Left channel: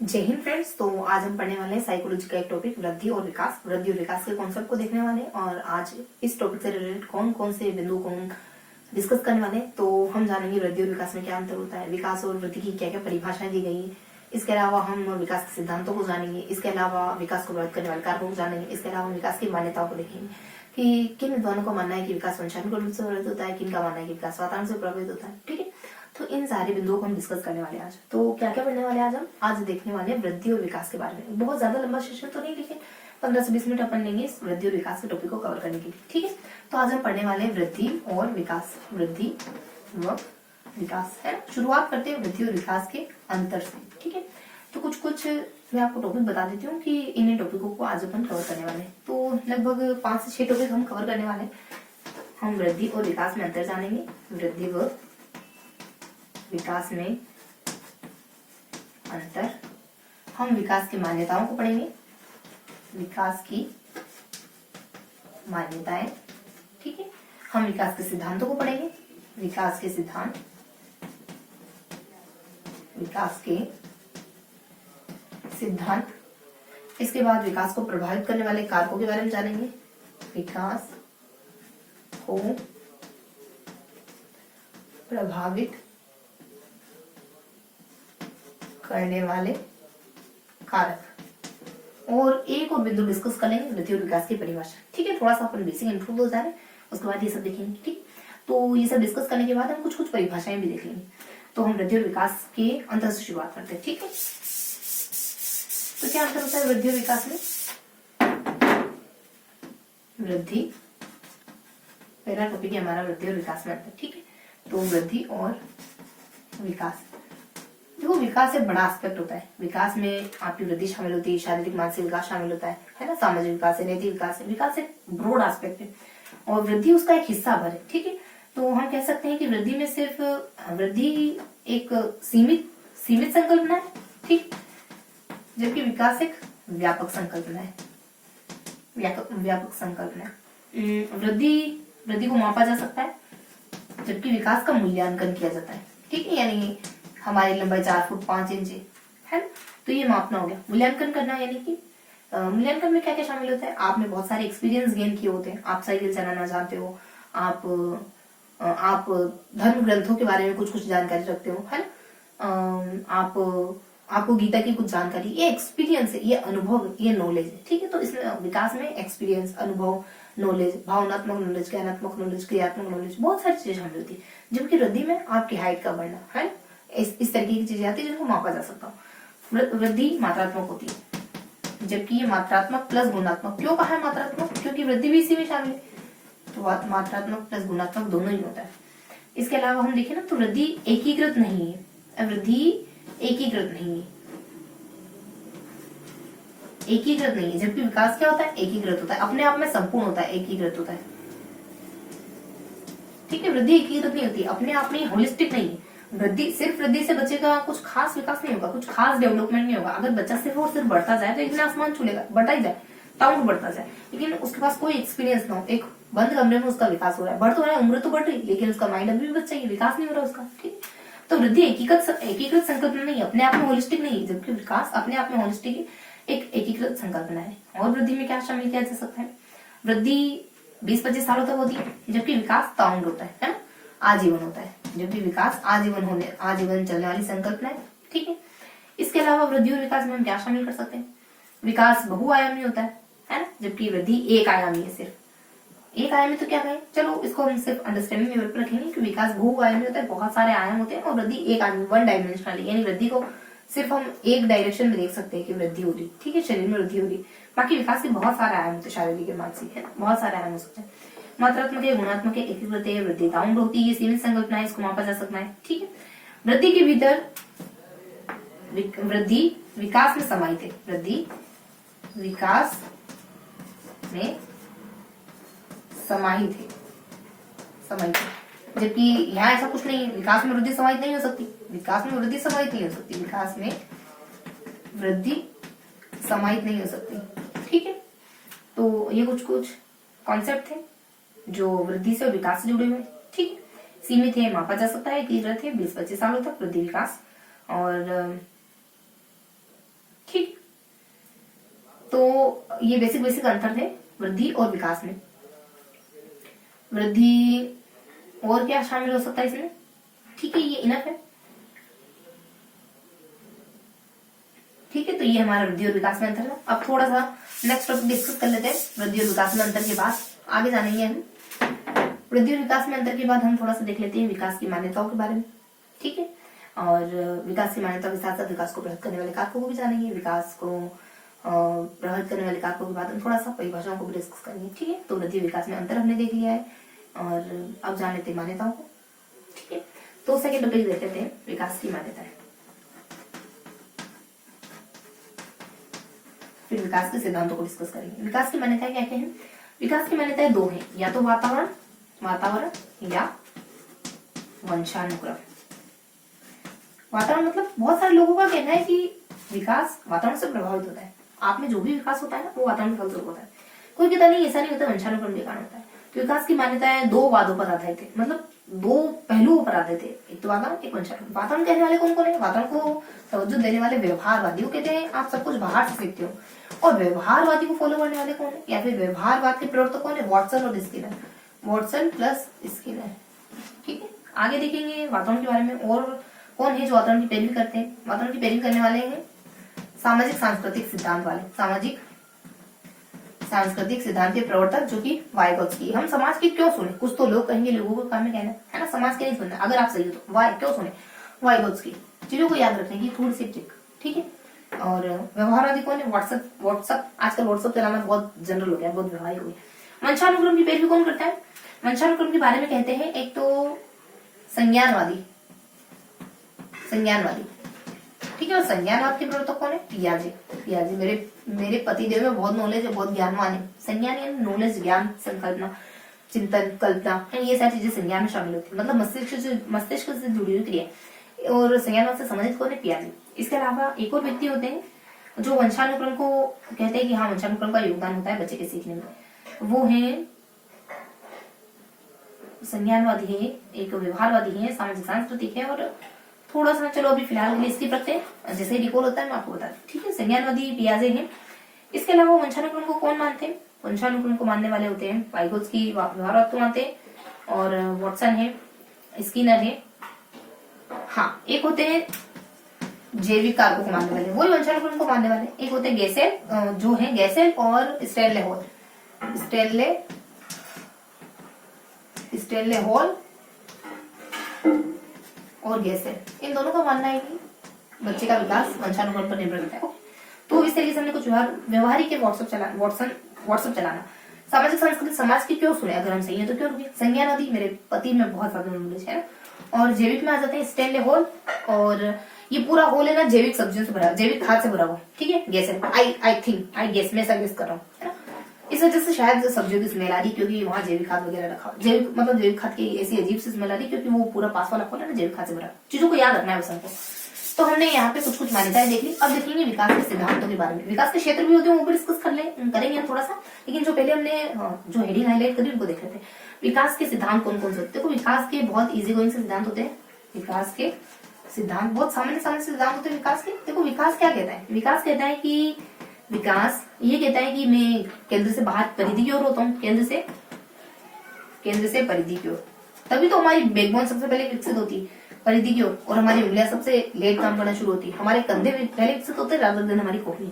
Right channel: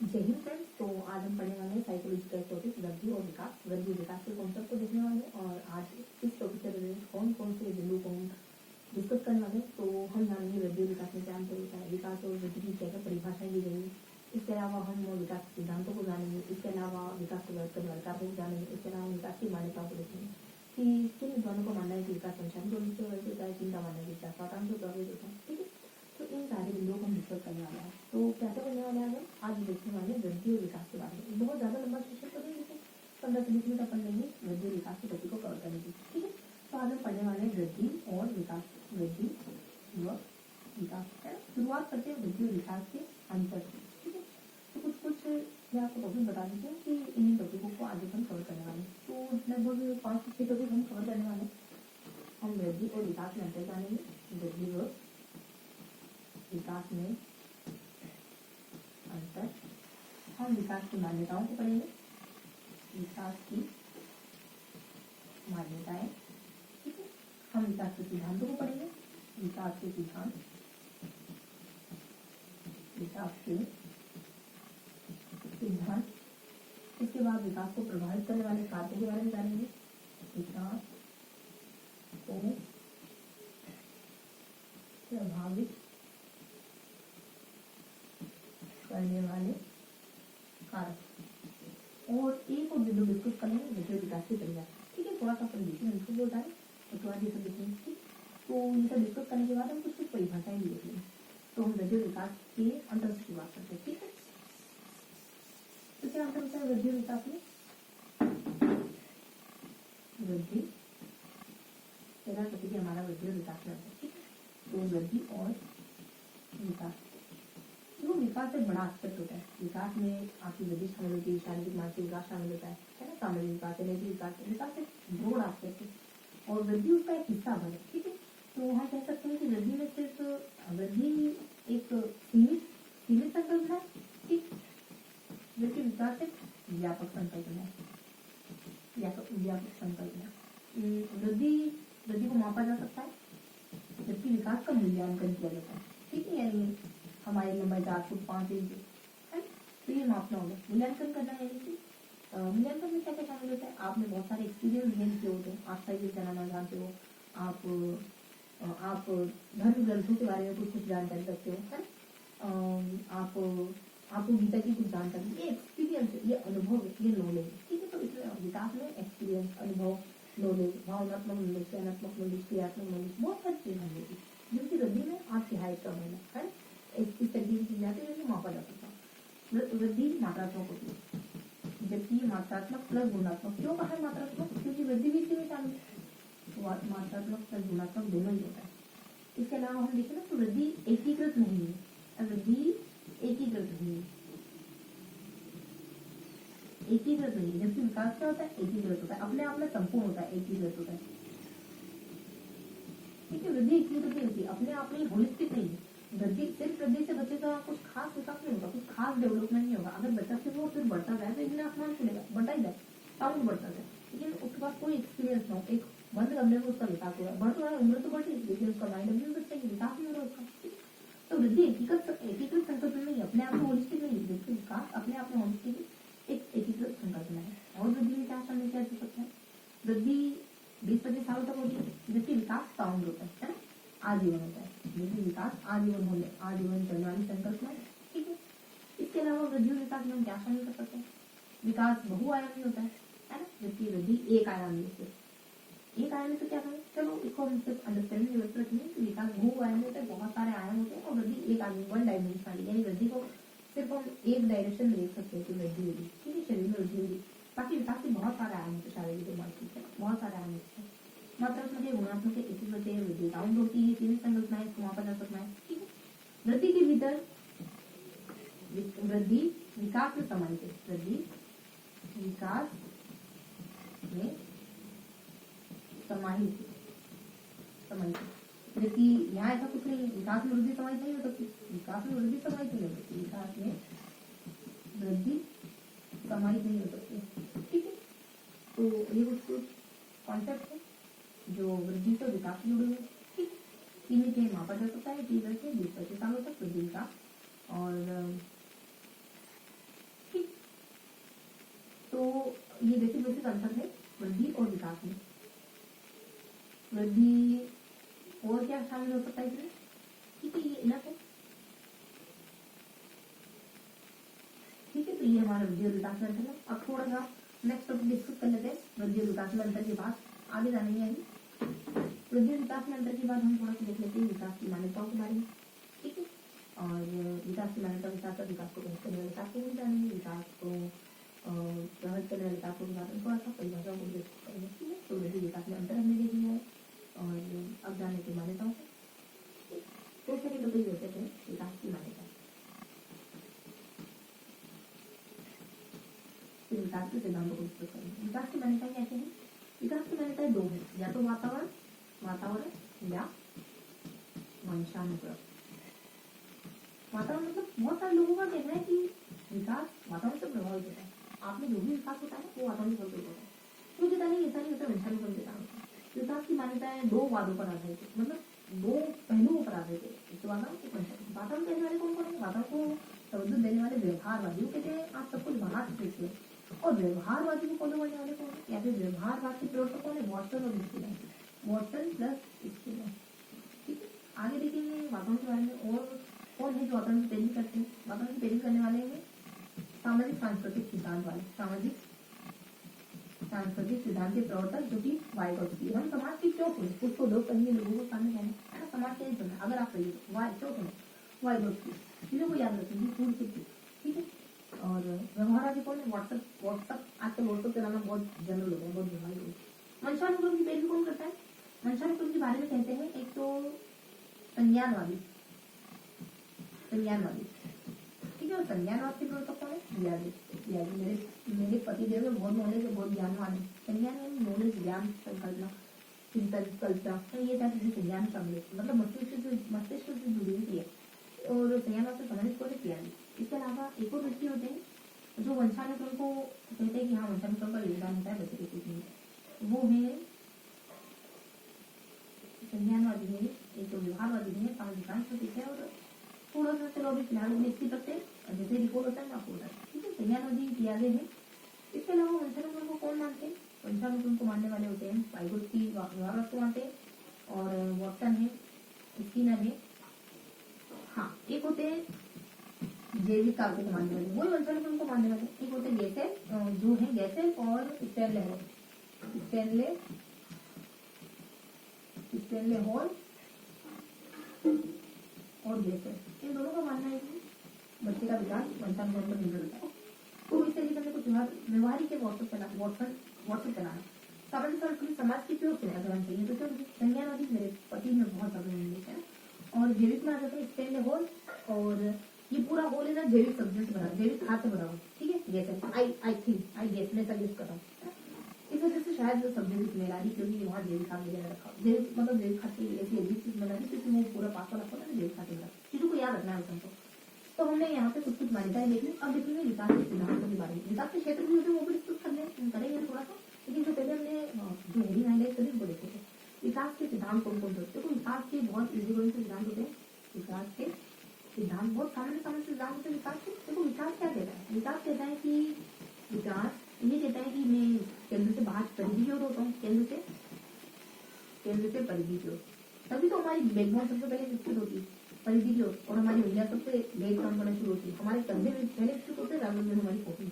जय हिंद फ्रेंड्स। तो आज हम पढ़ने वाले हैं साइकोलॉजी का एक टॉपिक वृद्धि और विकास। वृद्धि और विकास के कॉन्सेप्ट को देखने वाले हैं और आज इस टॉपिक से रिलेटेड कौन कौन से बिंदु को हम डिस्कस करने वाले हैं। तो हम जानेंगे वृद्धि और विकास में क्या अंतर होता है, विकास और वृद्धि की क्या क्या परिभाषाएं दी गई है। इसके अलावा हम विकास के सिद्धांतों को जानेंगे। इसके अलावा विकास को प्रभावित करने वाले कारकों को जानेंगे। इसके अलावा विकास की मान्यताओं को देखेंगे कि किन विद्वानों का मानना है कि विकास वंशानुगत रूप से प्रभावित होता है, किन का मानना है कि विकास वातावरण से प्रभावित होता है। ठीक है, तो इन सारे बिंदुओं को हम डिस्कस करने वाले हैं आज। तो क्या क्या पढ़ने वाले हैं आज हम? आज देखने वाले हैं वृद्धि और विकास के बारे में। बहुत ज्यादा लंबा सेशन तो नहीं, लेकिन 15 से 20 मिनट अपन लेंगे इस वृद्धि और विकास के टॉपिक को कवर करने के लिए। ठीक है, तो आज हम पढ़ने वाले हैं वृद्धि और विकास। वृद्धि व विकास है ना। शुरुआत करते हैं वृद्धि और विकास के अंतर से। ठीक है, तो कुछ मैं आपको टॉपिक बता देती हूँ कि इन टॉपिकों को आज अपन कवर करने वाले हैं। तो लगभग 5 से 6 टॉपिक हम कवर करने वाले हैं। हम वृद्धि और विकास में अंतर जानेंगे, वृद्धि व विकास में अंतर। हम विकास की मान्यताओं को पढ़ेंगे, विकास की मान्यताएं। ठीक है, हम विकास के सिद्धांतों को पढ़ेंगे, विकास के सिद्धांत, विकास के सिद्धांत। इसके बाद विकास को प्रभावित करने वाले कारकों के बारे में जानेंगे, विकास को प्रभावित करने वाले कारक। और एक और बिंदु डिस्कस कर लेंगे, वृद्धि और विकास की परिभाषा। ठीक है, थोड़ा सा अपन बेसिक इंट्रो बोल जा रहे हैं, उसके बाद ये सब देखेंगे। ठीक, तो ये सब डिस्कस करने के बाद हम कुछ परिभाषाएं भी देख लेंगे। तो हम वृद्धि और विकास के अंतर से शुरुआत करते हैं। ठीक है, तो क्या अंतर होता है वृद्धि और विकास में? वृद्धि, पहला टॉपिक है हमारा वृद्धि और विकास में अंतर। ठीक है, तो वृद्धि और विकास। देखो, विकास एक बड़ा एस्पेक्ट होता है। विकास में आपकी वृद्धि शामिल होती है, शारीरिक मानसिक विकास शामिल होता है ना, सामाजिक विकास है, नैतिक विकास है। विकास एक ब्रॉड एस्पेक्ट है और वृद्धि उसका एक हिस्सा भर है। ठीक है, तो हम कह सकते हैं कि वृद्धि में सिर्फ वृद्धि एक सीमित संकल्पना है। ठीक, जबकि विकास एक व्यापक संकल्पना है। व्यापक संकल्पना है। वृद्धि को मापा जा सकता है, जबकि विकास का मूल्यांकन किया जाता है। ठीक है, यानी हमारी लंबाई 4 फुट 5 इंच है, तो ये मापना हो गया। मूल्यांकन करना यानी कि मूल्यांकन में क्या क्या शामिल होता है? आपने बहुत सारे एक्सपीरियंस गेन किए होते हैं, आप साइकिल चलाना जानते हो, आप धर्म ग्रंथों के बारे में कुछ जानकारी रखते हो, है ना, आपको गीता की कुछ जानकारी, ये एक्सपीरियंस है, ये अनुभव, ये नॉलेज है। ठीक है, तो इसमें विकास में एक्सपीरियंस, अनुभव, नॉलेज, भावनात्मक नॉलेज, ज्ञानात्मक नॉलेज, क्रियात्मक नॉलेज, बहुत सारी चीजें शामिल होती है। जबकि वृद्धि में आपकी हाइट का बढ़ना है, इस तरीके की चीजें आती है जिनको मापा जा सकता है। वृद्धि मात्रात्मक होती है, जबकि ये मात्रात्मक प्लस गुणात्मक। क्यों कहा है मात्रात्मक? क्योंकि वृद्धि भी इसी में शामिल है, तो मात्रात्मक प्लस गुणात्मक दोनों ही होता है। इसके अलावा हम देखें ना, तो वृद्धि एकीकृत नहीं है। वृद्धि एकीकृत नहीं है, एकीकृत नहीं है। जबकि विकास क्या होता है? एकीकृत होता है, अपने आप में संपूर्ण होता है, एकीकृत होता है। ठीक है, वृद्धि एकीकृत नहीं होती, अपने आप में होलिस्टिक नहीं है। सिर्फ वृद्धि से बच्चे का कुछ खास विकास नहीं होगा, कुछ खास डेवलपमेंट नहीं होगा। अगर बच्चा सिर्फ और सिर्फ बढ़ता जाए तो एक दिन आसमान छूलेगा, बढ़ता ही जाए, टाउन बढ़ता जाए, लेकिन उसके पास कोई एक्सपीरियंस ना हो, एक बंद कमरे में उसका विकास हो रहा है, बढ़ तो रहा है, उम्र तो बढ़ रही, लेकिन उसका माइंड अभी भी बच्चा ही, विकास नहीं हो रहा उसका। ठीक, तो वृद्धि एकीकृत संकल्पना नहीं, अपने आप में होलिस्टिक नहीं, जबकि विकास अपने आप में होलिस्टिक एक एकीकृत संकल्पना है। और वृद्धि में क्या शामिल किया जा सकता है? वृद्धि 20-25 सालों तक होती है, जबकि विकास ताउंड होता है ना, आजीवन होता है। जबकि विकास आजीवन चलने वाली संकल्पना है। ठीक है, इसके अलावा वृद्धि और विकास में हम क्या शामिल कर सकते हैं? विकास बहुआयामी होता है ना, जबकि वृद्धि एक आयामी है। सिर्फ एक आयामी तो क्या कहें, चलो इसको हम सिर्फ अंडरस्टैंडिंग लेवल पर रखेंगे कि विकास बहुआयामी होता है, बहुत सारे आयाम होते हैं, और वृद्धि एक आयामी, वन डायमेंशनल, यानी वृद्धि को सिर्फ हम एक डायरेक्शन में देख सकते हैं कि वृद्धि हो रही। ठीक है, शरीर में वृद्धि हो रही, बाकी विकास के बहुत सारे आयाम होते हैं, शारीरिक मानसिक है, बहुत सारे आयाम हो सकते हैं। मात्रात्मक है, गुणात्मक है, एकीकृत है, वृद्धि ताउंड होती है, सीमित संकल्पना है, इसको मापा जा सकता है। ठीक है, वृद्धि के भीतर वृद्धि विकास में समाहित है, वृद्धि विकास में समाहित है, जबकि यहाँ ऐसा कुछ नहीं है, विकास में वृद्धि समाहित नहीं हो सकती, विकास में वृद्धि समाहित नहीं हो सकती, विकास में वृद्धि समाहित नहीं हो सकती। ठीक है, तो ये कुछ कॉन्सेप्ट थे जो वृद्धि से और विकास से जुड़े हुए। ठीक, सीमित है, मापा जा सकता है, एकीकृत है, 20-25 सालों तक वृद्धि विकास, और तो ये बेसिक बेसिक अंतर थे वृद्धि और विकास में। वृद्धि और क्या शामिल हो सकता है इसमें? ठीक है, ये इनफ है। ठीक है, तो ये हमारा वृद्धि और विकास में अंतर है। अब थोड़ा सा नेक्स्ट टॉपिक डिस्कस कर लेते हैं। वृद्धि और विकास में अंतर के बाद आगे जानेंगे हम। वृद्धि और विकास में अंतर के बाद हम थोड़ा सा देख लेते हैं विकास की मान्यताओं के बारे में। ठीक है, और विकास की मान्यताओं के साथ साथ विकास को प्रभावित करने वाले कारकों को भी जानेंगे। विकास को प्रभावित करने वाले कारकों के बाद हम थोड़ा सा परिभाषाओं को भी डिस्कस करेंगे। ठीक है, तो वृद्धि विकास में अंतर हमने देख लिया है और अब जान लेते हैं मान्यताओं को। ठीक है, तो सेकेंड टॉपिक देख लेते हैं विकास की मान्यताएं। फिर विकास के सिद्धांतों को डिस्कस करेंगे। विकास की मान्यताएं क्या क्या हैं? विकास की मान्यताएं दो हैं, या तो वातावरण या वंशानुक्रम। वातावरण मतलब बहुत सारे लोगों का कहना है कि विकास वातावरण से प्रभावित होता है। आप में जो भी विकास होता है ना, वो वातावरण के फलस्वरूप होता है। कोई कहता नहीं ऐसा नहीं होता, वंशानुक्रम के कारण होता है। विकास की मान्यताएं दो वादों पर आधारित थे, मतलब दो पहलुओं पर आधारित थे, एक तो वातावरण, एक वंशानुक्रम। वातावरण कहने वाले कौन कौन है? वातावरण को तवज्जो देने वाले व्यवहारवादियों कहते हैं, आप सब कुछ बाहर से सीखते हो। और व्यवहारवादी को फॉलो करने वाले कौन है, या फिर व्यवहारवाद के प्रवर्तक कौन है? वॉटसन और स्किनर, वॉटसन प्लस स्किनर। ठीक है, आगे देखेंगे वातावरण के बारे में और कौन है जो वातावरण की पैरवी करते हैं। वातावरण की पैरवी करने वाले हैं सामाजिक सांस्कृतिक सिद्धांत वाले, सामाजिक सांस्कृतिक सिद्धांत के प्रवर्तक जो कि वाइगोत्स्की। हम समाज की क्यों सुने? कुछ तो लोग कहेंगे, लोगों को काम में कहना है ना, समाज के नहीं सुनना। अगर आप सही हो तो वाई क्यों सुने? वाइगोत्स्की। चीजों को याद रखने की थोड़ी सी ट्रिक। ठीक है, और व्यवहारवादी कौन है? व्हाट्सएप आजकल व्हाट्सएप चलाना बहुत जनरल हो गया, बहुत व्यवहारिक हो गया। वंशानुक्रम की पैरवी कौन करता है? वंशानुक्रम के बारे में कहते हैं एक तो संज्ञानवादी। ठीक है, और संज्ञानवाद के प्रवर्तक कौन है? पियाजे। मेरे पतिदेव में बहुत नॉलेज है, बहुत ज्ञानवान है। संज्ञान यानी नॉलेज, ज्ञान, संकल्पना, चिंतन, कल्पना, ये सारी चीजें संज्ञान में शामिल होती है, मतलब मस्तिष्क से जुड़ी हुई क्रिया। और संज्ञानवाद से संबंधित कौन है? पियाजे। इसके अलावा एक और व्यक्ति होते हैं जो वंशानुक्रम को कहते हैं कि हाँ, वंशानुक्रम का योगदान होता है बच्चे के सीखने में। वो है संज्ञानवादी है, एक व्यवहारवादी है, सामाजिक सांस्कृतिक है, और थोड़ा सा चलो अभी फिलहाल के लिए स्किप रखते हैं, जैसे ही रिकॉल होता है मैं आपको बता दूं। ठीक है, संज्ञानवादी पियाजे हैं। इसके अलावा वंशानुक्रम को कौन मानते हैं? वंशानुक्रम को मानने वाले होते हैं वाइगोत्स्की, व्यवहारवाद को मानते हैं, और वॉटसन है, स्किनर है। हाँ, एक होते हैं जैविक कारकों को मानने वाले, वही वंशानुक्रम को मानने वाले। एक होते हैं गैसेल, जो है गैसेल और स्टेनले हॉल और गैसेल, इन दोनों का मानना है कि बच्चे का विकास वंशानुक्रम पर निर्भर करता है। तो इस तरीके से हमने कुछ व्यवहारिक व्हाट्सएप चलाना। सामाजिक सांस्कृतिक, समाज की क्यों सुने? अगर हम सही है तो क्यों रुके? संज्ञानवादी, मेरे पति में बहुत ज्यादा नॉलेज है। और जैविक में आ जाते हैं स्टेनले हॉल, और ये पूरा हॉल है ना जैविक सब्जियों से भरा, जैविक खाद से भरा हुआ। ठीक है, गैसेल, आई गेस, मैं ऐसा गेस कर रहा हूँ, है ना। इस वजह से शायद सब्जियों की स्मेल आ रही, क्योंकि वहाँ जैविक खाद वगैरह रखा, जैविक खाद की ऐसी अजीब सी स्मेल आ रही, क्योंकि वो पूरा पास वाला खोला ना जैविक खाद से भरा। चीजों को याद रखना है हमको। तो हमने यहाँ पे कुछ मान्यताएं देख ली। अब देखेंगे विकास के सिद्धांतों के बारे में। विकास के क्षेत्र भी होते हैं, वो भी डिस्कस करेंगे थोड़ा सा, लेकिन जो पहले हमने जो हेडिंग हाईलाइट करी उनको देख रहे थे। विकास के सिद्धांत कौन कौन से होते हैं? देखो, विकास के बहुत इजी गोइंग से सिद्धांत होते हैं। विकास के सिद्धांत बहुत सामान्य सिद्धांत होते हैं विकास के। देखो, विकास क्या कहता है? विकास कहता है कि विकास ये कहता है कि मैं केंद्र से बाहर परिधि की ओर होता हूँ, केंद्र से परिधि की ओर, तभी तो हमारी बैकबोन सबसे पहले विकसित होती है परिधि की ओर, और हमारी उंगलियां सबसे लेट काम करना शुरू होती है। हमारे कंधे पहले विकसित होते हैं रादर देन हमारी खोपड़ी,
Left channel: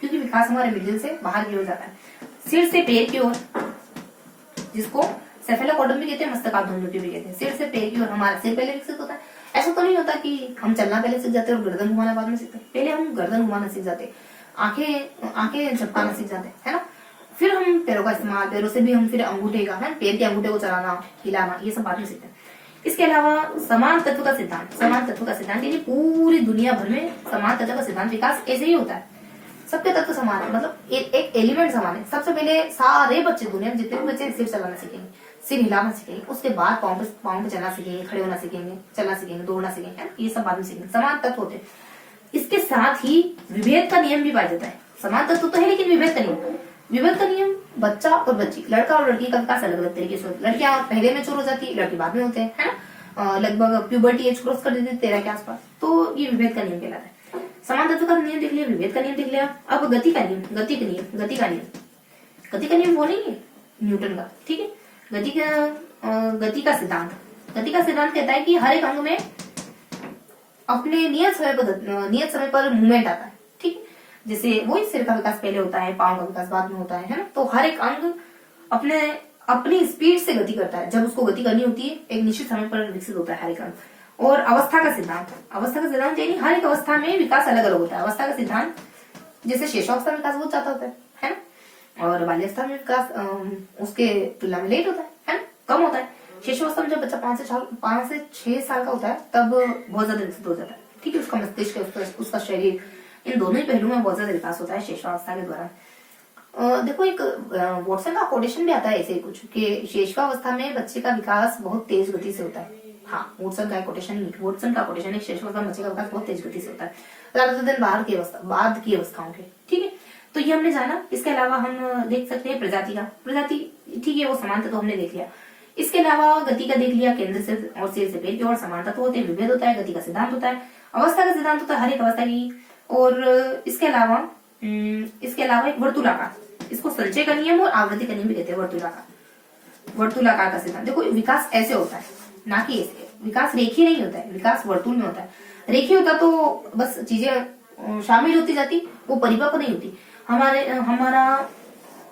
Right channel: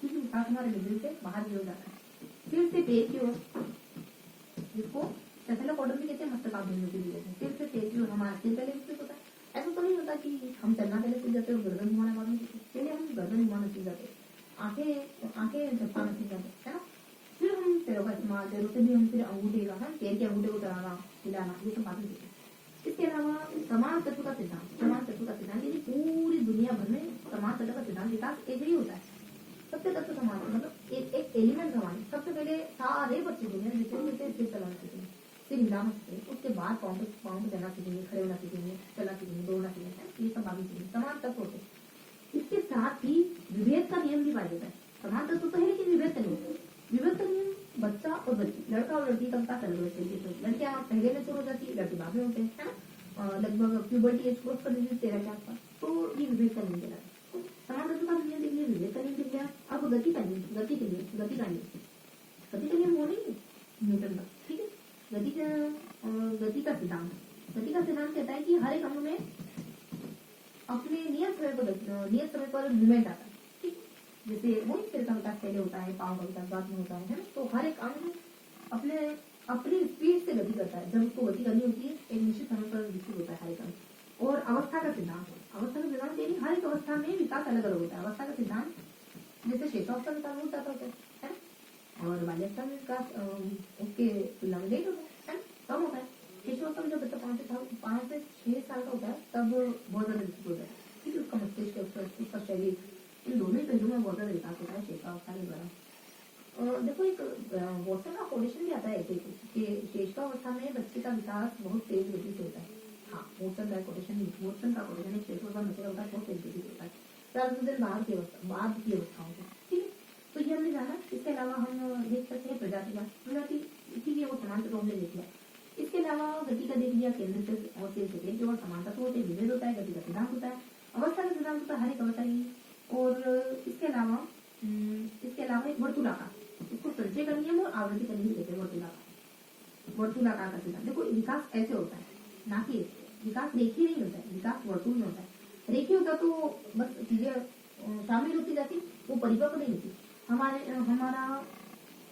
क्योंकि विकास हमारे मिडिल से बाहर की ओर जाता है। सिर से पैर की ओर, जिसको सेफेलोपोडम भी कहते हैं, मस्तकाध्वंजोति भी कहते हैं। सिर से पैर की ओर हमारा सिर पहले विकसित होता है। ऐसा तो नहीं होता कि हम चलना पहले सीख जाते हैं और गर्दन घुमाना बाद में सीखते हैं। पहले हम गर्दन घुमाना सीख जाते हैं, आंखें झपकाना सीख जाते हैं, है ना। फिर हम पैरों का इस्तेमाल, पैरों से भी हम फिर अंगूठे का, है पैर के अंगूठे को चलाना, हिलाना, ये सब बाद में सीखते हैं। इसके अलावा समान तत्व का सिद्धांत यानी पूरी दुनिया भर में समान तत्व का सिद्धांत। विकास ऐसे ही होता है, सबके तत्व समान है, मतलब एक एलिमेंट समान है। सबसे पहले सारे बच्चे, दुनिया में जितने भी बच्चे सिर चलाना सीखेंगे, सिर हिलाना सीखेंगे, उसके बाद पाँव पे चलना सीखेंगे, खड़े होना सीखेंगे, चलना सीखेंगे, दौड़ना सीखेंगे, ये सब बाद में सीखेंगे। समान तत्व होते हैं। इसके साथ ही विभेद का नियम भी पाया जाता है। समान तत्व तो है, लेकिन विभेद का नियम बच्चा और बच्ची, लड़का और लड़की का विकास अलग अलग तरीके से होता है। लड़कियां पहले मैच्योर हो जाती है, लड़के बाद में होते हैं, है ना। लगभग प्यूबर्टी एज क्रॉस कर देते हैं 13 के आसपास, तो ये विभेद का नियम कहलाता है। समान तत्व का नियम देख लिया, विभेद का नियम देख लिया। अब गति का नियम, गति का नियम वो नहीं है न्यूटन का, ठीक है। गति का सिद्धांत, कहता है कि हर एक अंग में अपने नियत समय पर मूवमेंट आता है, ठीक है। जैसे वही सिर का विकास पहले होता है, पांव का विकास बाद में होता है ना। तो हर एक अंग अपनी स्पीड से गति करता है। जब उसको गति करनी होती है एक निश्चित समय पर विकसित होता है हर एक अंग। और अवस्था का सिद्धांत यानी हर एक अवस्था में विकास अलग अलग होता है। अवस्था का सिद्धांत जैसे शेषावस्था में विकास बहुत ज्यादा होता है ना। और बाल्यावस्था में विकास उसके तुलना में लेट होता है ना, कम होता है। शेषावस्था में जब बच्चा 5 से 6 साल का होता है तब बहुत ज्यादा विकसित हो जाता है, ठीक है। उसका मस्तिष्क, उसका शरीर, इन दोनों ही पहलुओं में बहुत ज्यादा विकास होता है शेषावस्था के दौरान। देखो एक वॉटसन का कोटेशन भी आता है ऐसे कुछ कि शेषावस्था में बच्चे का विकास बहुत तेज गति से होता है। हाँ, वॉटसन का कोटेशन है, शेषावस्था में बच्चे का विकास बहुत तेज गति से होता है ज्यादातर दिन बाद की अवस्थाओं के, ठीक है। तो ये हमने जाना। इसके अलावा हम देख सकते हैं प्रजाति, ठीक है, वो समानता तो हमने देख लिया। इसके अलावा गति का देख लिया, केंद्र से और सिर से पेट की ओर समानता तो होते हैं, विभेद होता है, गति का सिद्धांत होता है, अवस्था का सिद्धांत होता है हर एक अवस्था की। और इसके अलावा एक वर्तुलाकार, इसको संचय का नियम और आवृत्ति का नियम भी कहते हैं। वर्तुलाकार का सिद्धांत, देखो विकास ऐसे होता है ना कि ऐसे। विकास रेखीय नहीं होता है, विकास वर्तुल में होता है। रेखीय होता तो बस चीजें शामिल होती जाती, वो परिपक्व नहीं होती। हमारा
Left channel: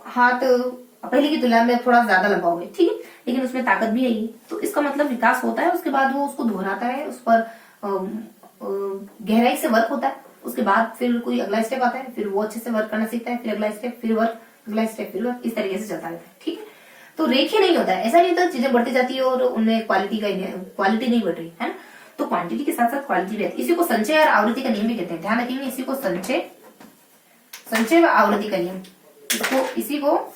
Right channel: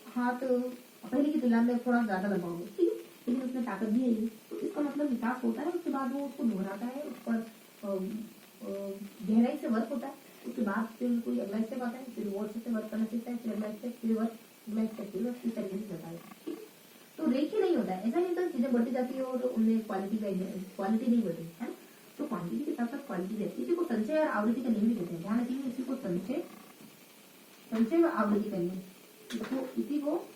हाथ पहले की तुलना में थोड़ा ज्यादा लंबा हो गया, ठीक है, लेकिन उसमें ताकत भी है। तो इसका मतलब विकास होता है, उसके बाद वो उसको दोहराता है, उस पर गहराई से वर्क होता है, उसके बाद फिर कोई अगला स्टेप आता है, फिर वो अच्छे से वर्क करना सीखता है, फिर अगला स्टेप, फिर वर्क, अगला स्टेप, फिर वर्क, इस तरीके से चलता है, ठीक है। तो रेखीय नहीं होता है, ऐसा नहीं होता चीजें बढ़ती जाती है और उनमें क्वालिटी नहीं बढ़ रही है ना। तो क्वांटिटी के साथ साथ क्वालिटी भी है। इसी को संचय और आवृत्ति का नियम भी कहते हैं, ध्यान रखेंगे। इसी को संचय व आवृत्ति का नियम, इसी को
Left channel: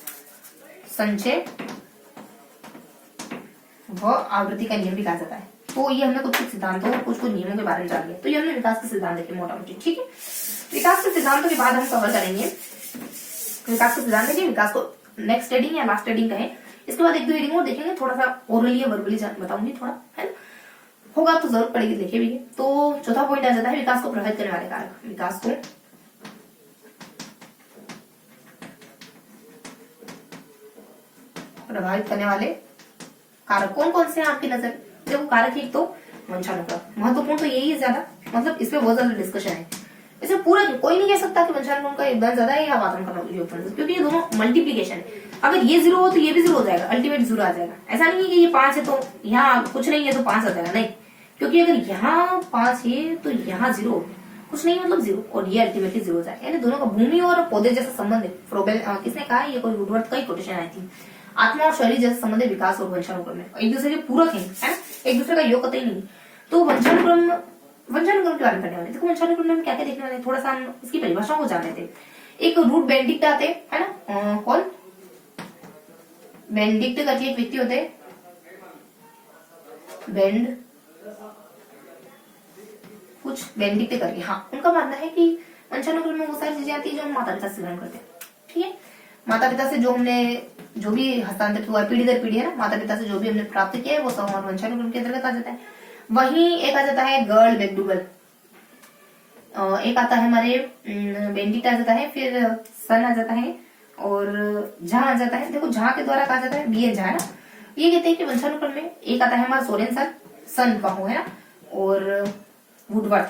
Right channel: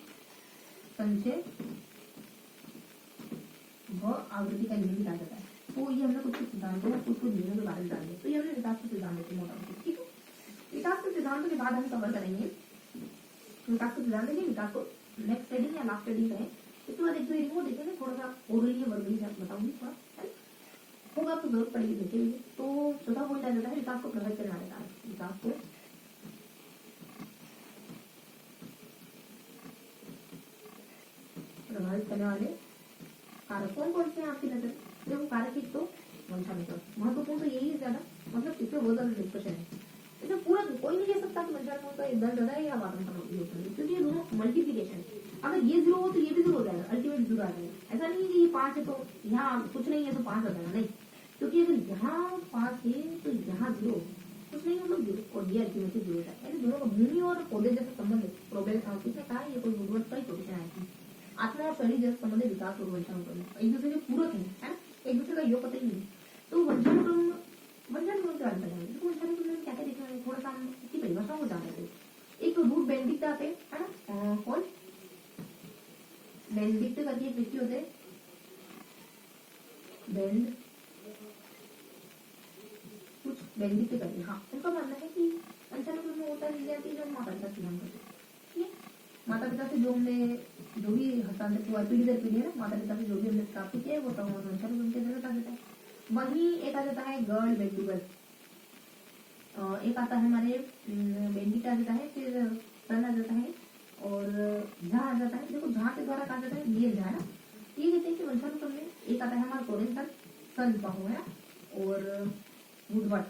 संचय व आवृत्ति का नियम भी कहा जाता है। तो ये हमने कुछ सिद्धांतों और कुछ नियमों के बारे में जान लिया। तो ये हमने विकास के सिद्धांत देखे मोटा मोटी, ठीक है। विकास के सिद्धांतों के बाद हम कवर करेंगे विकास के सिद्धांत देखेंगे, विकास को नेक्स्ट हेडिंग या लास्ट हेडिंग कहें। इसके बाद एक दो हेडिंग और देखेंगे, थोड़ा सा ओरली या वर्बली बताऊंगी थोड़ा, है ना, होगा तो जरूरत पड़ेगी, देखे भी। तो चौथा पॉइंट आ जाता है विकास को प्रभावित करने वाले कारक। विकास को प्रभावित करने वाले कारक कौन कौन से हैं आपकी नजर? देखो कारक एक तो वंशानुक्रम, महत्वपूर्ण तो यही है ज्यादा, मतलब इसमें बहुत ज्यादा डिस्कशन है। इसमें पूरा कोई नहीं कह सकता कि वंशानुक्रम का योगदान ज्यादा है या वातावरण का योगदान, क्योंकि ये दोनों मल्टीप्लीकेशन है। अगर ये 0 हो तो ये भी 0 हो जाएगा, अल्टीमेट 0 आ जाएगा। ऐसा नहीं है कि ये 5 है तो यहाँ कुछ नहीं है तो 5 आ जाएगा, नहीं, क्योंकि अगर यहाँ 5 है तो यहाँ 0, कुछ नहीं मतलब 0, और ये अल्टीमेटली 0 हो जाएगा। यानी दोनों का भूमि और पौधे जैसा संबंध है। फ्रोबेल किसने कहा? ये कोई वुडवर्थ का ही कोटेशन आई थी। आत्मा और शरीर जैसे संबंध है विकास और वंशानुक्रम में, एक दूसरे के पूरक है ना, एक दूसरे का योग कतई नहीं। तो वंशानुक्रम के बारे में पढ़ने वाले। देखो वंशानुक्रम में क्या क्या देखने वाले, थोड़ा सा हम इसकी परिभाषाओं को जान लेते हैं। एक रूट बेंडिक्ट आते है ना, कौन बेंडिक्ट करके एक व्यक्ति होते हैं, बेंडिक्ट करके, हाँ, उनका मानना है कि वंशानुक्रम में वो सारी चीजें आती है जो हम माता पिता से ग्रहण करते हैं, ठीक है। माता पिता से जो भी हस्तांतरित हुआ है पीढ़ी दर पीढ़ी, है ना, माता पिता से जो भी हमने प्राप्त किया है वो सब हमारे वंशानुक्रम के अंतर्गत आ जाता है। वहीं एक आ जाता है गर्ल मैकडूगल, एक आता है हमारे बेंडिक्ट आ जाता है, फिर सन आ जाता है और झा आ जाता है। देखो झा के द्वारा कहा जाता है बी एन झा, है ना। ये कहते हैं कि वंशानुक्रम में एक आता है हमारा सोरेन सन का हो, है ना, और वुडवर्थ,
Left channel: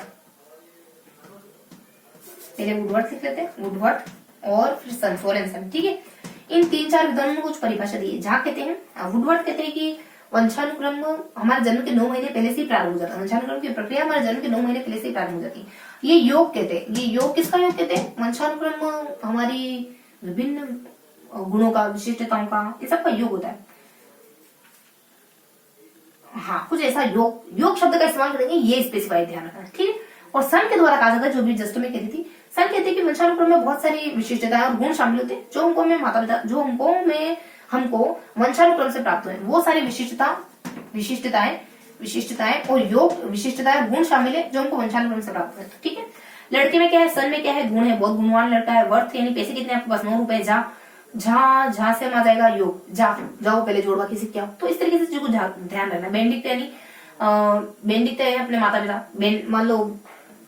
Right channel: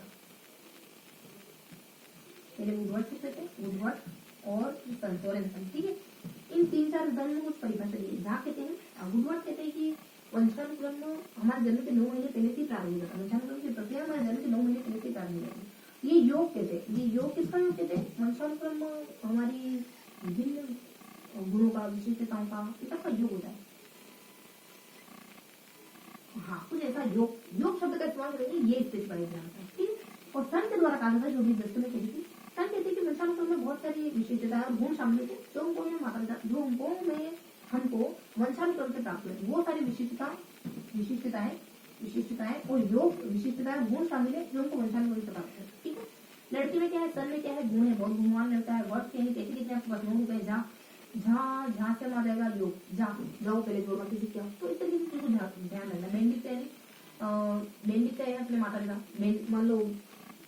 पहले वुडवर्थ लिख लेते हैं, वुडवर्थ और फिर सन, सोरेन सन, ठीक है। इन 3-4 विद्वानों ने कुछ परिभाषा दी है। झा कहते हैं, वुडवर्थ कहते हैं कि वंशानुक्रम हमारे जन्म के 9 महीने पहले से ही प्रारंभ हो जाता है। वंशानुक्रम की प्रक्रिया हमारे जन्म के 9 महीने पहले से ही प्रारंभ हो जाती है। ये योग कहते हैं, ये योग किसका योग कहते हैं? वंशानुक्रम हमारी विभिन्न गुणों का, विशिष्टताओं का, ये सबका योग होता है। हाँ, कुछ ऐसा योग शब्द का इस्तेमाल करेंगे, ये स्पेसिफाई ध्यान रखना, ठीक है। और सन के द्वारा कहा जाता है, जो भी जस्ट में कहती थी, सन कहते हैं कि वंशानुक्रम में बहुत सारी विशिष्टताएं और गुण शामिल होते हैं जो हमको वंशानुक्रम से प्राप्त हुए। वो सारी विशिष्टताएं और योग विशिष्टताएं और गुण शामिल है जो हमको वंशानुक्रम से प्राप्त हुए, ठीक है। लड़के में क्या है, सन में क्या है, गुण है, बहुत गुणवान लड़का है। वर्थ यानी पैसे कितने आपके पास, 9 रुपए। झा से आ जाएगा योग, जाओ पहले जोड़वा किसी क्या, तो इस तरीके से चीजों को ध्यान रखना। बेंडिक्ट यानी बेंडिक्ट है अपने माता पिता, मान लो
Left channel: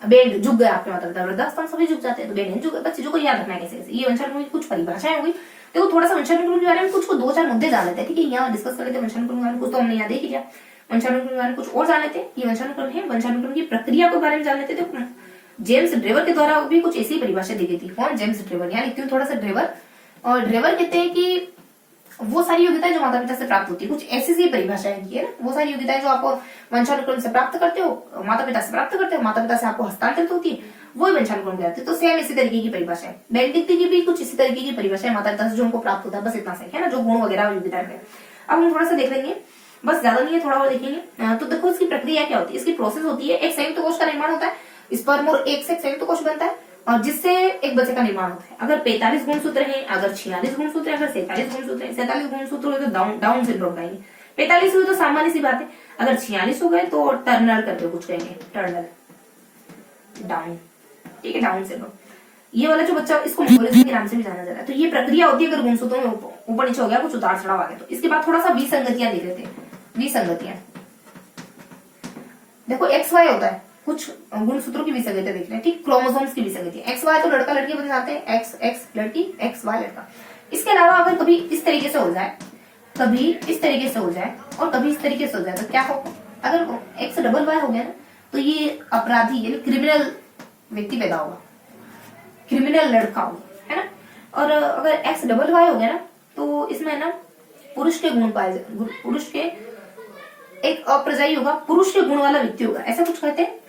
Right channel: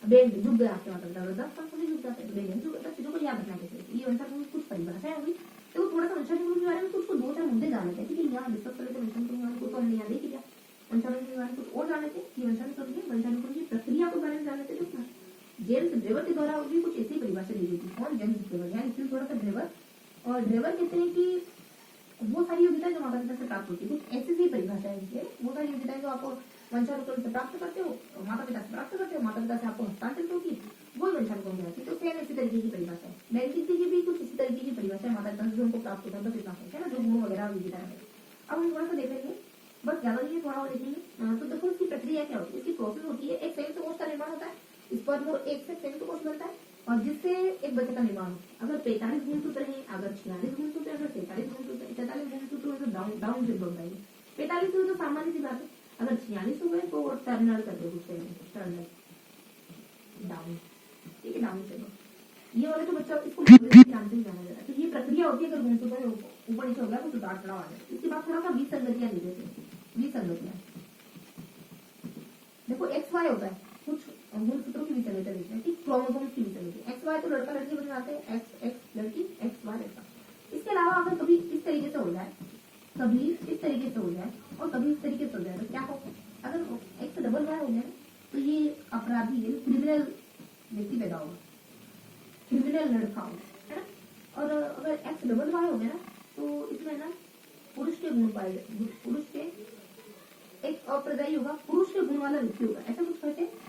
बेड झुक गया आपके माता पिता, वृद्धावस्था सभी झुक जाते हैं, तो बेड नहीं झुक, बच्चे को याद रखना है कैसे कैसे। ये वंशानुक्रम की कुछ परिभाषाएं होगी। देखो थोड़ा सा वंशानुक्रम के बारे में कुछ को 2-4 मुद्दे जान लेते हैं, ठीक है, यहाँ डिस्कस कर लेते हैं वंशानुक्रम के बारे में, कुछ तो हमने यहाँ देख लिया। वंशानुक्रम के बारे में कुछ और जान लेते हैं, ये वंशानुक्रम है, वंशानुक्रम की प्रक्रिया के बारे में जान लेते थे। तो जेम्स ड्रेवर के द्वारा भी कुछ ऐसी परिभाषा दी गई थी। कौन? James Drever. यहाँ लिखती हूँ थोड़ा सा ड्रेवर। और ड्रेवर कहते हैं कि वो सारी योग्यताएं जो माता पिता से प्राप्त होती है, कुछ ऐसी सी परिभाषाएं की है ना, वो सारी योग्यताएं जो आपको वंशानुक्रम से प्राप्त करते हो, माता पिता से प्राप्त करते हो, माता पिता से आपको हस्तांतरित होती है, वो वंशानुक्रम कहलाती है। तो सेम इसी तरीके की परिभाषा है। बेनेडिक्ट की भी कुछ इसी तरीके की परिभाषा है माता पिता से जो उनको प्राप्त होता है, बस इतना सही है ना, जो गुण वगैरह योग्यताएं है। अब हम थोड़ा सा देख लेंगे, बस ज्यादा नहीं है, थोड़ा और देखेंगे। तो देखो इसकी प्रक्रिया क्या होती है, इसकी प्रोसेस होती है, एक संयुक्त कोश का निर्माण होता है, स्पर्म और एग से संयुक्त कोश बनता है, और जिससे एक बच्चे का निर्माण होता है। अगर 45 गुणसूत्र हैं, अगर 46 गुणसूत्र है, अगर 47 गुणसूत्र है, 47 गुणसूत्र हुए तो डाउन सिंड्रोम कहेंगे, 45 हुए तो सामान्य सी बात है, अगर 46 हो गए तो टर्नर करके कुछ कहेंगे, टर्नर डाउन, ठीक है, डाउन सिंड्रोम। ये वाला जो बच्चा, इसको मोरेलिटी के नाम से भी जाना जाता है। तो ये प्रक्रिया होती है अगर गुणसूत्रों में ऊपर नीचे हो गया, कुछ उतार चढ़ाव आ गया तो। इसके बाद थोड़ा सा विसंगतियां देख लेते हैं। विसंगतियां देखो, एक्स वाई होता है, कुछ गुणसूत्रों की विसंगतियां देख रहे हैं, ठीक, क्रोमोसोम्स की विसंगतियां। एक्स वाई तो लड़का लड़की बन जाते हैं, एक्स एक्स लड़की, एक्स वाई लड़का। इसके अलावा अगर कभी इस तरीके से हो जाए, कभी इस तरीके से हो जाए, और कभी इस तरीके से हो जाए, तो क्या होगा? अगर एक्स डबल वाई हो गया ना, तो ये अपराधी यानी क्रिमिनल व्यक्ति पैदा होगा, क्रिमिनल लड़का होगा, है ना। और अगर एक्स डबल वाई हो गया ना, तो इसमें ना पुरुष के गुण पाए, पुरुष के एक अप्रजाई होगा, पुरुष के गुण वाला व्यक्ति होगा, ऐसा कुछ कहते हैं।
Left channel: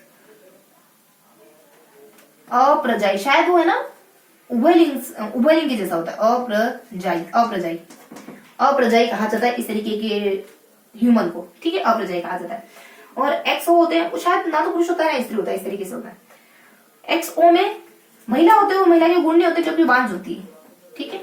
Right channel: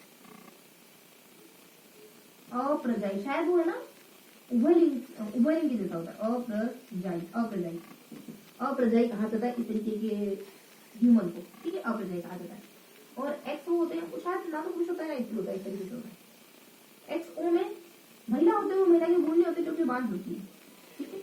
अप्रजाई शायद वो है ना, उभयलिंग जैसा होता है, अप्रजाई, अप्रजाई, अप्रजाई कहा जाता है इस तरीके के ह्यूमन को, ठीक है, अप्रजाई कहा जाता है। और एक्स ओ होते हैं, वो शायद ना तो पुरुष होता है ना स्त्री होता है, इस तरीके से होता है। एक्स ओ में महिला होते हैं, वो महिला के गुण नहीं होते क्योंकि बांझ होती है, ठीक है।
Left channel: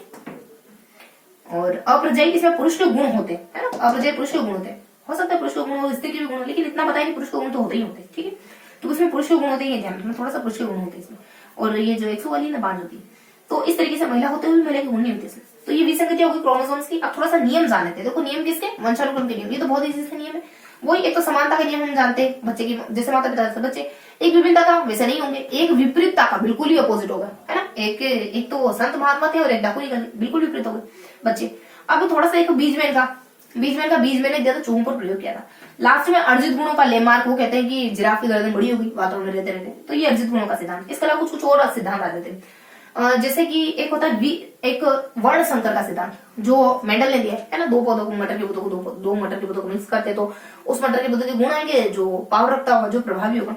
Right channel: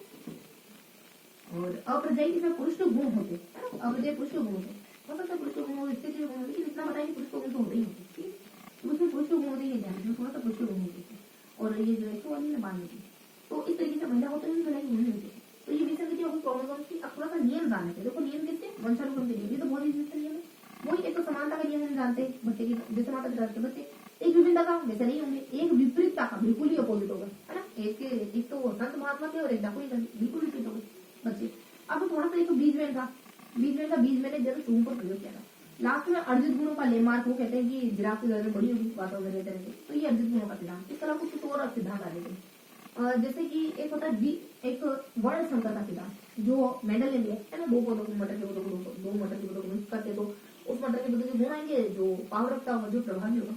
और अप्रजाई इसमें पुरुष के गुण होते हैं, है ना, अप्रजाई पुरुष के गुण होते हैं, हो सकता है पुरुष के गुण हो, स्त्री के भी गुण हो, लेकिन इतना बताया कि पुरुष के गुण तो होते ही होते हैं, ठीक है। तो उसमें पुरुष के गुण होते हैं, ध्यान रखना, थोड़ा सा पुरुष के गुण होते हैं इसमें। और ये जो एक्सो वाली ना बांझ होती है, तो इस तरीके से महिला होते हुए महिला के गुण नहीं होते इसमें। तो ये विसंगतियां होगी क्रोमोसोम्स की। अब थोड़ा सा नियम जान लेते हैं। देखो नियम किसके? वंशानुक्रम के नियम। ये तो बहुत इजी से नियम है। वही एक तो समानता का नियम हम जानते हैं, बच्चे की जैसे माता पिता से बच्चे, एक विभिन्नता का वैसे नहीं होंगे, एक विपरीतता का बिल्कुल ही अपोजिट होगा, है ना। एक तो संत महात्मा थे और एक डाकू बिल्कुल विपरीत हो गए बच्चे। अब थोड़ा सा एक बीजमैन का बीज मैंने दिया था, चूहों पर प्रयोग किया था। लास्ट में अर्जित गुणों का लेमार्क, वो कहते हैं कि जिराफ की गर्दन बड़ी होगी वातावरण में रहते रहते, तो ये अर्जित गुणों का सिद्धांत। इसके अलावा कुछ और सिद्धांत आ जाते हैं, जैसे कि एक होता है एक वर्ण संकर का सिद्धांत जो मेंडल ने दिया है ना। दो पौधों को, मटर के पौधों को दो मटर के पौधों को मिक्स करते तो उस मटर के पौधे के गुण आएंगे जो पावर रखता होगा, जो प्रभावी होगा।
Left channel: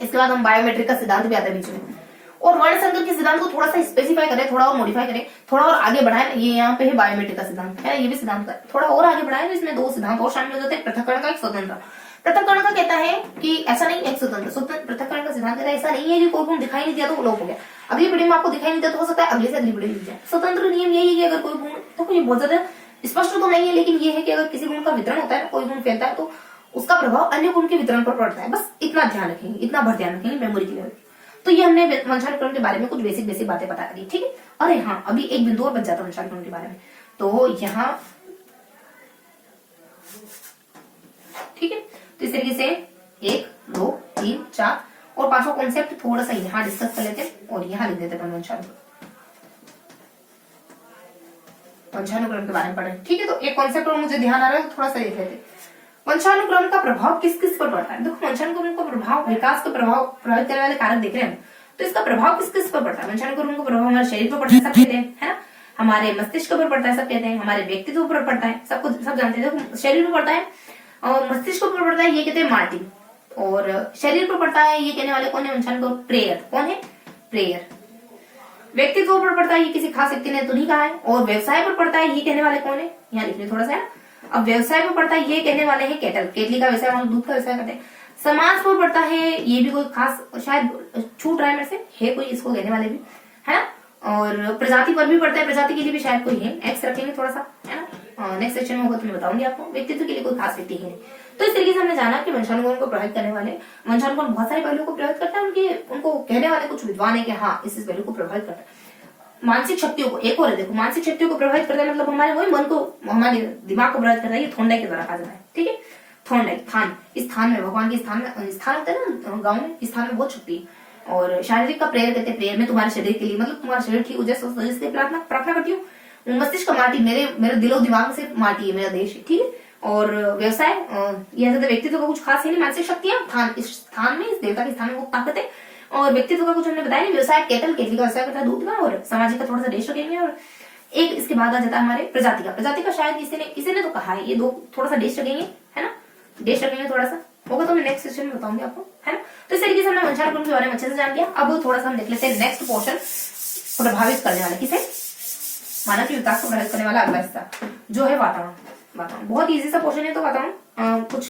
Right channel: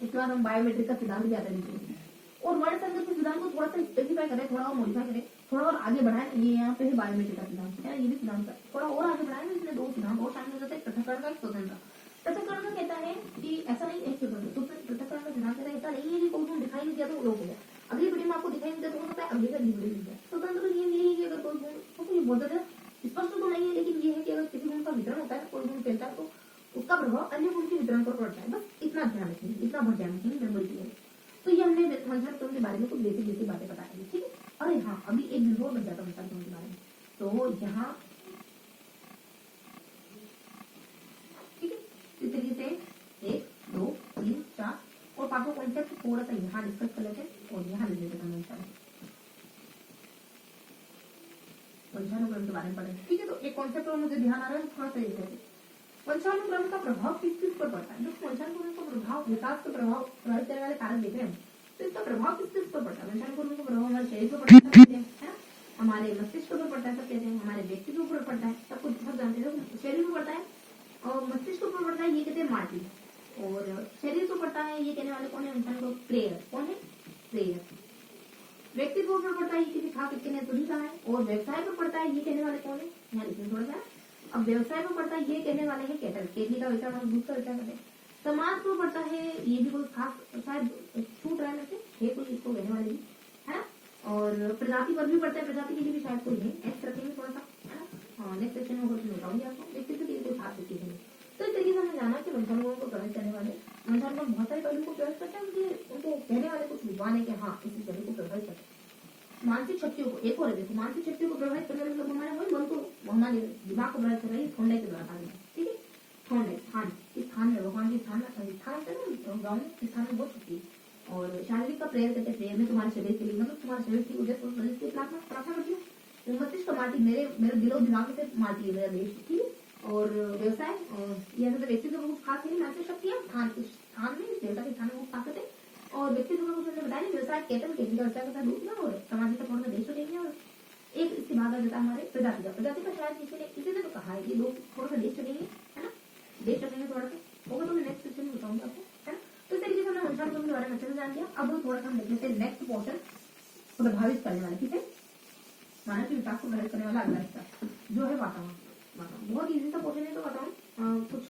इसके बाद हम बायोमेट्रिक का सिद्धांत भी आता है बीच में। और वर्ण संकर के सिद्धांत को थोड़ा सा स्पेसिफाई करें, थोड़ा और मॉडिफाई करें, थोड़ा और आगे बढ़ाएं। ये यहाँ पे है बायोमेट्रिक का सिद्धांत, है ये भी सिद्धांत है, थोड़ा और आगे बढ़ाएं तो इसमें दो सिद्धांत और शामिल हो जाते हैं, पृथक्करण का, एक स्वतंत्र। पृथक्करण का कहता है कि ऐसा नहीं, एक स्वतंत्र। पृथक्करण का सिद्धांत कहता है ऐसा नहीं है कि कोई गुण दिखाई नहीं दिया तो वो लोप हो गया। अगली वीडियो में आपको दिखाई नहीं दिया तो हो सकता है अगले से अगली वीडियो मिल जाए। स्वतंत्र नियम यही है कि अगर कोई गुण, तो कोई बहुत ज्यादा स्पष्ट तो नहीं है, लेकिन ये है कि अगर किसी गुण का वितरण होता है, कोई गुण फैलता है, तो उसका प्रभाव अन्य गुण के वितरण पर पड़ता है। बस इतना ध्यान रखेंगे, इतना भर ध्यान रखेंगे मेमोरी के लिए। तो ये हमने वंशानुक्रम के बारे में कुछ बेसिक बातें बता दी, ठीक है। अरे हाँ, अभी एक बिंदु और बच जाता है वंशानुक्रम के बारे में, तो यहाँ ठीक है। तो इस तरीके से 1 2 3 4 और 5वां कॉन्सेप्ट थोड़ा सा यहाँ डिस्कस कर लेते हैं और यहाँ लिख देते हैं वंशानुक्रम के बारे में पढ़े, ठीक है। तो एक कॉन्सेप्ट और मुझे ध्यान आ रहा है, तो थोड़ा सा देख लेते हैं। वंशानुक्रम का प्रभाव किस किस पर पड़ता है? देखो वंशानुक्रम का प्रभाव, विकास का प्रभाव प्रभावित करने वाले कारक देख रहे हैं, तो इसका प्रभाव किस किस पर पड़ता है? वंशानुक्रम का प्रभाव हमारे शरीर पर पड़ता है, सब कहते हैं, है ना। हमारे मस्तिष्क पर पड़ता है, सब कहते हैं। हमारे व्यक्तित्व पर पड़ता है, सबको सब जानते हैं। देखो शरीर पर पड़ता है और मस्तिष्क पर पड़ता है, ये कहते हैं मार्टिन। और शरीर पर पड़ता है, ये कहने वाले कौन है? वंशानुक्रम प्रेयर। कौन है? प्रेयर। व्यक्तित्व पर पड़ता है, ये किसी खास व्यक्ति ने तो नहीं कहा है। और व्यवसाय पर पड़ता है, ये कहने वाले कौन है? यहाँ लिख लीजिए थोड़ा सा। अब व्यवसाय पर पड़ता है, ये कहने वाले हैं केटल, केतली का व्यवसाय, दूध का व्यवसाय करते हैं। समाज पर पड़ता है, ये भी कोई खास, शायद छूट रहा है मेरे से, है कोई इसको कहने वाले भी, है ना। और प्रजाति पर भी पड़ता है, प्रजाति के लिए भी शायद कोई है, एक्स रखेंगे थोड़ा सा, है ना। नेक्स्ट सेक्शन में होगा तो मैं बताऊंगी आपको। व्यक्तित्व के लिए कोई खास व्यक्ति है। तो इस तरीके से हमने जाना कि वंशानुक्रम को प्रभावित करने वाले, वंशानुक्रम बहुत सारे पहलुओं को प्रभावित करता है। उनको कहने वाले कुछ विद्वान है कि हाँ इस पहलू को प्रभावित करता है। मानसिक शक्तियों को, एक और है देखो, मानसिक शक्तियों को प्रभावित करता है, मतलब हमारे वही मन को, हमारे दिमाग को प्रभावित करता है। ये थोंडाई के द्वारा कहा जाता है, ठीक है। थॉर्न लाइक, थान, इस थान में, भगवान के स्थान में, स्थान होता है ना गाँव में, इस थान में बहुत शक्ति है। और शारीरिक का प्रेयर कहते हैं, प्रेयर में तुम्हारे शरीर के लिए, मतलब तुम्हारा शरीर ठीक हो जाए, इसलिए प्रार्थना प्रार्थना करती हूँ। मस्तिष्क का माटी, मेरे दिलो दिमाग से माटी है मेरा देश, ठीक है। और व्यवसाय, यह व्यक्तित्व का कुछ खास है नहीं, मानसिक शक्तियां, थान, इस स्थान में, इस देवता के स्थान में वो ताकत है। और व्यक्तित्व का कुछ हमने बताया नहीं, व्यवसाय केटल, केतली का व्यवसाय करता है दूध का, और सामाजिक का थोड़ा सा देश रखेंगे। और एक इसके बाद आ जाता है हमारे प्रजाति का, प्रजाति का शायद किसी ने तो कहा है, ये दो थोड़ा सा देश रखेंगे, है ना, देश रखेंगे थोड़ा सा, होगा तो मैं नेक्स्ट सेशन में बताऊंगी आपको, है ना। तो इस तरीके से हमने वंशानुक्रम के बारे में अच्छे से जान लिया। अब थोड़ा सा हम देख लेते हैं नेक्स्ट पोर्शन, प्रभावित करने वाला किसे, मानव के विकास को प्रभावित करने वाला अगला हिस्सा जो है वातावरण। वातावरण बहुत इजी सा पोर्शन है, तो वातावरण कुछ